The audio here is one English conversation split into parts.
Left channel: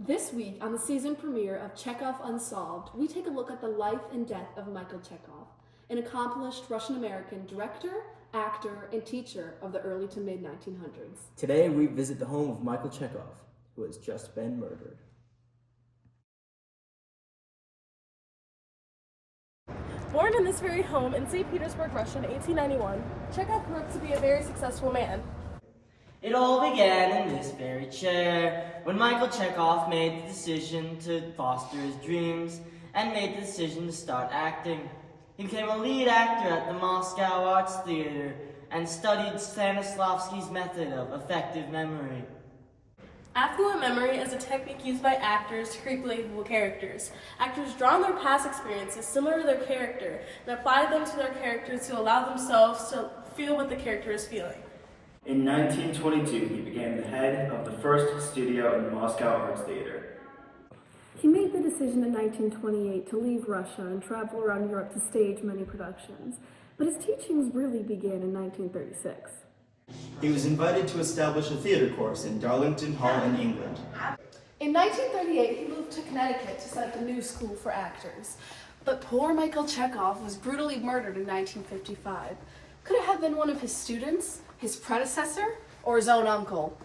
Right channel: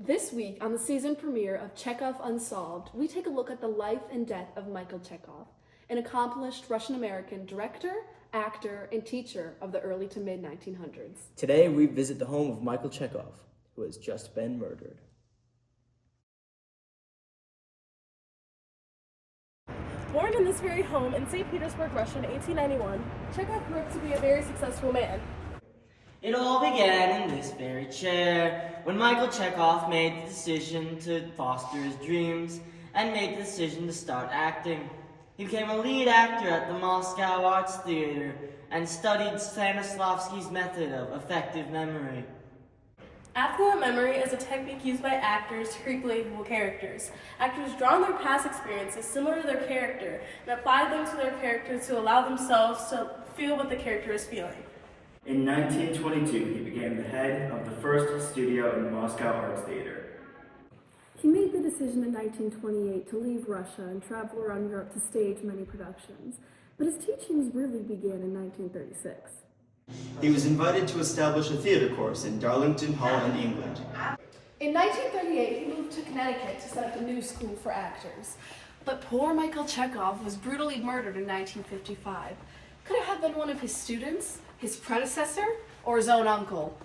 This week, on the season premiere of Chekhov Unsolved, we take a look at the life and death of Michael Chekhov, an accomplished Russian-American director, actor, and teacher of the early to mid-1900s. Today, we visit the home of Michael Chekhov, who has just been murdered. Born in this very home in St. Petersburg, Russia in 1891, Chekhov grew up to be a very successful man. It all began in this very chair, when Michael Chekhov made the decision to foster his dreams and made the decision to start acting. He became a lead actor at the Moscow Arts Theater and studied Stanislavski's method of effective memory. Affluent memory is a technique used by actors to create believable characters. Actors draw on their past experiences similar to their character and apply them to their character to allow themselves to feel what the character is feeling. In 1922, he became the head of the first studio in Moscow Arts Theater. He made the decision in 1928 to leave Russia and travel around Europe to stage many productions, but his teachings really began in 1936. He was invited to establish a theater course in Darlington Hall in England. In 1938, he moved to Connecticut to set up a new school for actors. But poor Michael Chekhov was brutally murdered in 1955. Could it have been one of his students, his predecessor, or his own uncle?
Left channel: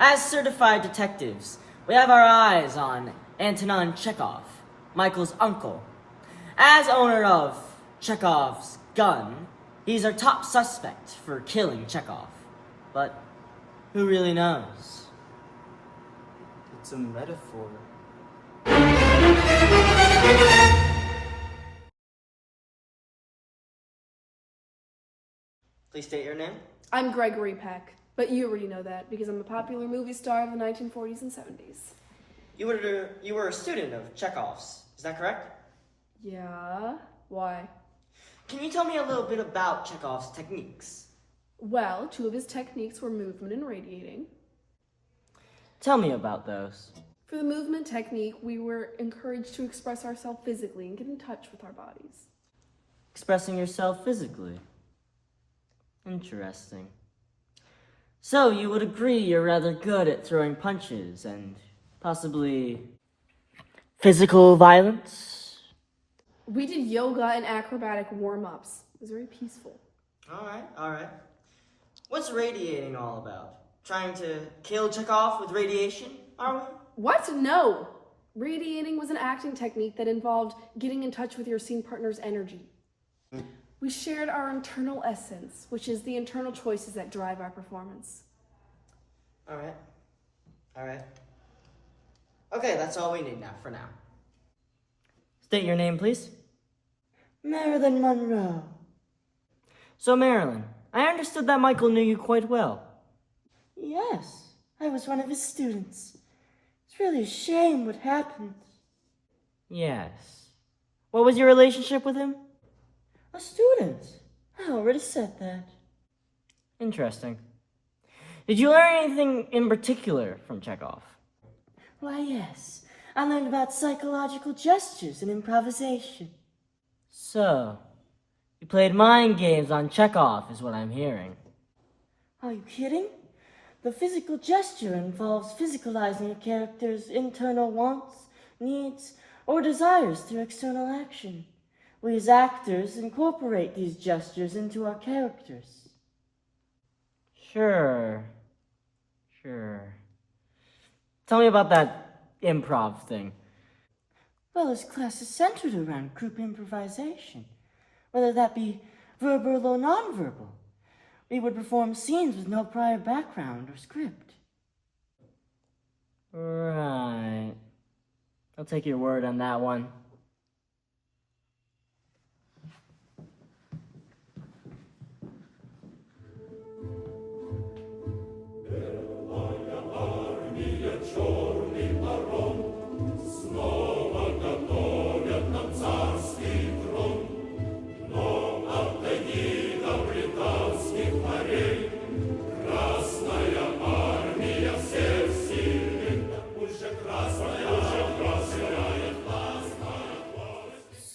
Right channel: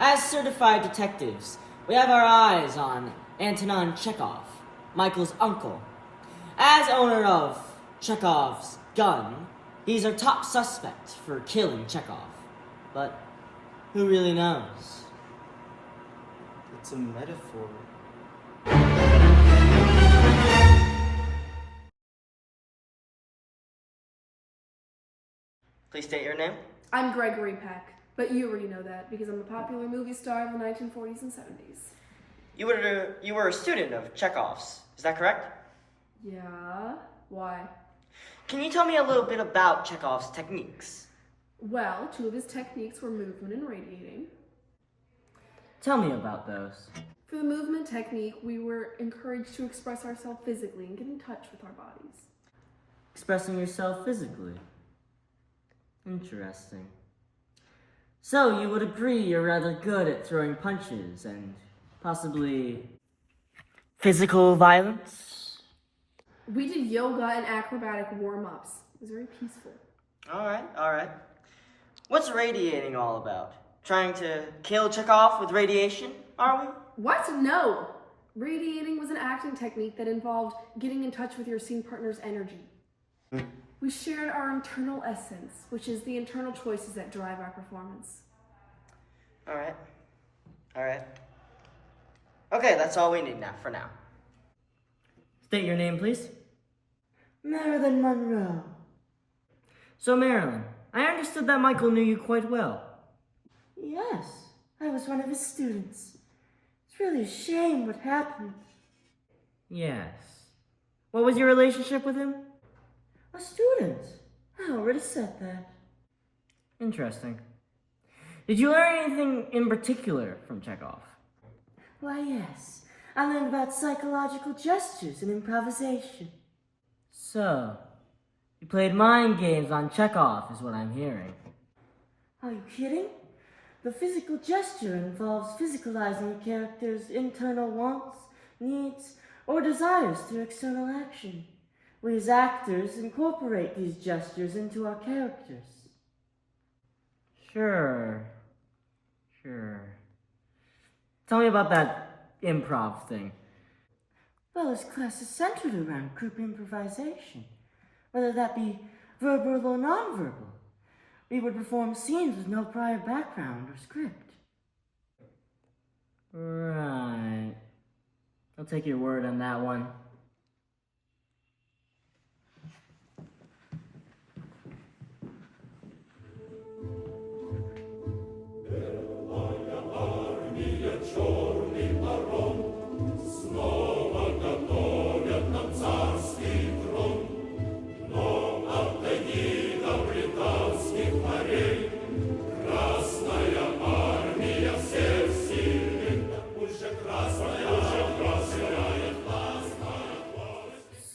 As certified detectives, we have our eyes on Antonin Chekhov, Michael's uncle. As owner of Chekhov's gun, he's our top suspect for killing Chekhov. But who really knows? It's a metaphor. Please state your name. I'm Gregory Peck, but you already know that because I'm a popular movie star of the 1940s and 70s. You were a student of Chekhov's, is that correct? Yeah? Why? Can you tell me a little bit about Chekhov's techniques? Well, two of his techniques were movement and radiating. Tell me about those. For the movement technique, we were encouraged to express ourselves physically and get in touch with our bodies. Expressing yourself physically. Interesting. So you would agree you're rather good at throwing punches and possibly physical violence? We did yoga and acrobatic warm-ups. It was very peaceful. All right. What's radiating all about? Trying to kill Chekhov with radiation, are we? What? No! Radiating was an acting technique that involved getting in touch with your scene partner's energy. We shared our internal essence, which is the internal choices that drive our performance. All right. Okay, that's all we need now, for now. State your name, please. Marilyn Monroe. So, Marilyn, I understood that Michael knew you quite well. Yes, I was one of his students. It's really a shame what happened. Yes. What was your relationship with him? A student. I already said that. Interesting. Did you learn anything in particular from Chekhov? Why, yes. I learned about psychological gestures and improvisation. So, you played mind games on Chekhov, is what I'm hearing. Are you kidding? The physical gesture involves physicalizing a character's internal wants, needs, or desires through external action. We as actors incorporate these gestures into our characters. Sure. Tell me about that improv thing. Well, this class is centered around group improvisation, whether that be verbal or nonverbal. We would perform scenes with no prior background or script. Right. I'll take your word on that one.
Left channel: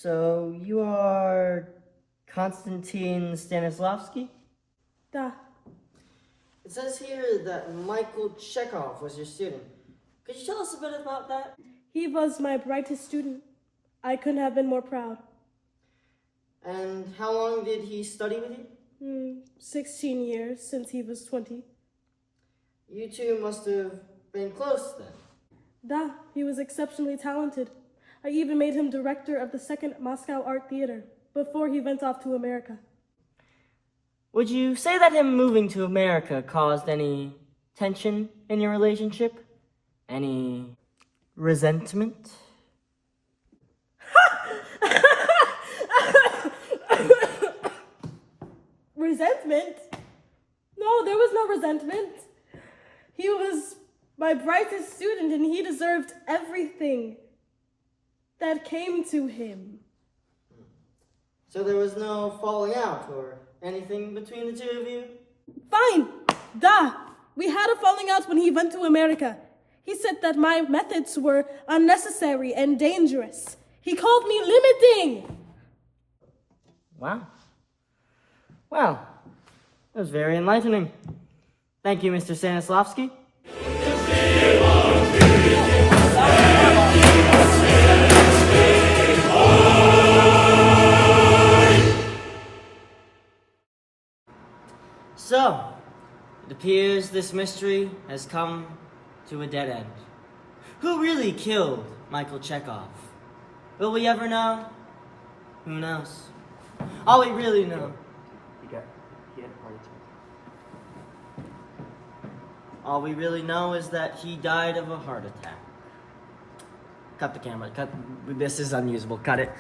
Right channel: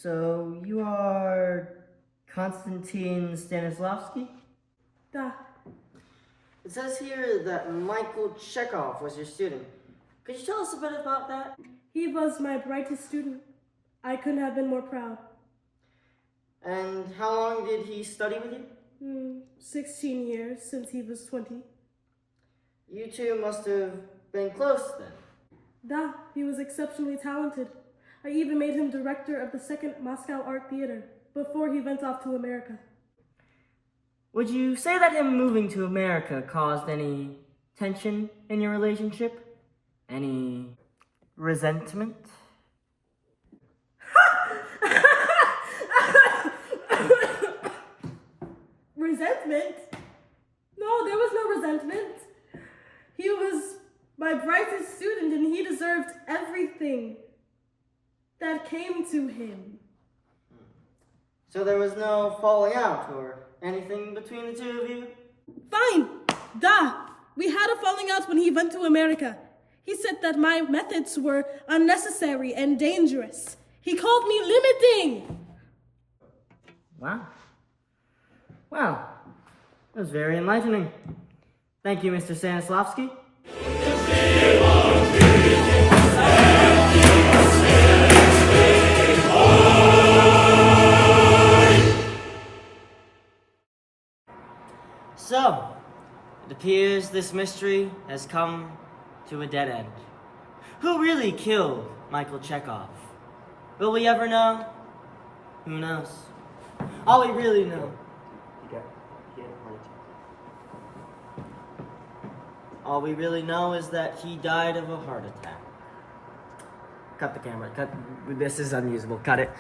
So, you are Konstantin Stanislavski? Da. It says here that Michael Chekhov was your student. Could you tell us a bit about that? He was my brightest student. I couldn't have been more proud. And how long did he study with you? 16 years since he was 20. You two must have been close then. Da, he was exceptionally talented. I even made him director of the Second Moscow Art Theater before he went off to America. Would you say that him moving to America caused any tension in your relationship? Any resentment? Resentment? No, there was no resentment. He was my brightest student and he deserved everything that came to him. So there was no falling out or anything between the two of you? Fine. Da. We had a falling out when he went to America. He said that my methods were unnecessary and dangerous. He called me limiting. Wow. Well, that was very enlightening. Thank you, Mr. Stanislavski. So, it appears this mystery has come to a dead end. Who really killed Michael Chekhov? Will we ever know? Who knows? All we really know. He had a heart attack. All we really know is that he died of a heart attack. Cut the camera. Cut. This is unusable. Cut it.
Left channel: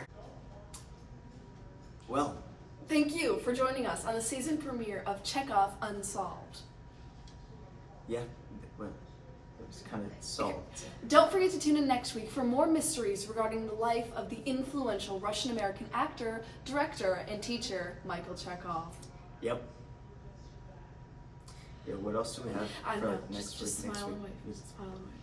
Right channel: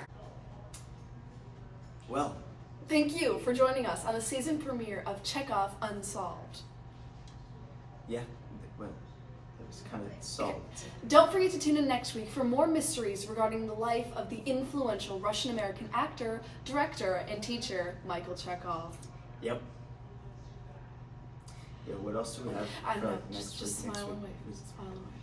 Well, Thank you for joining us on the season premiere of Chekhov Unsolved. yeah, well, it was kind of solved. Don't forget to tune in next week for more mysteries regarding the life of the influential Russian-American actor, director, and teacher, Michael Chekhov. Yep. Yeah, what else do we have I for know, next just week? smile and Next wave. week? Smile and wave.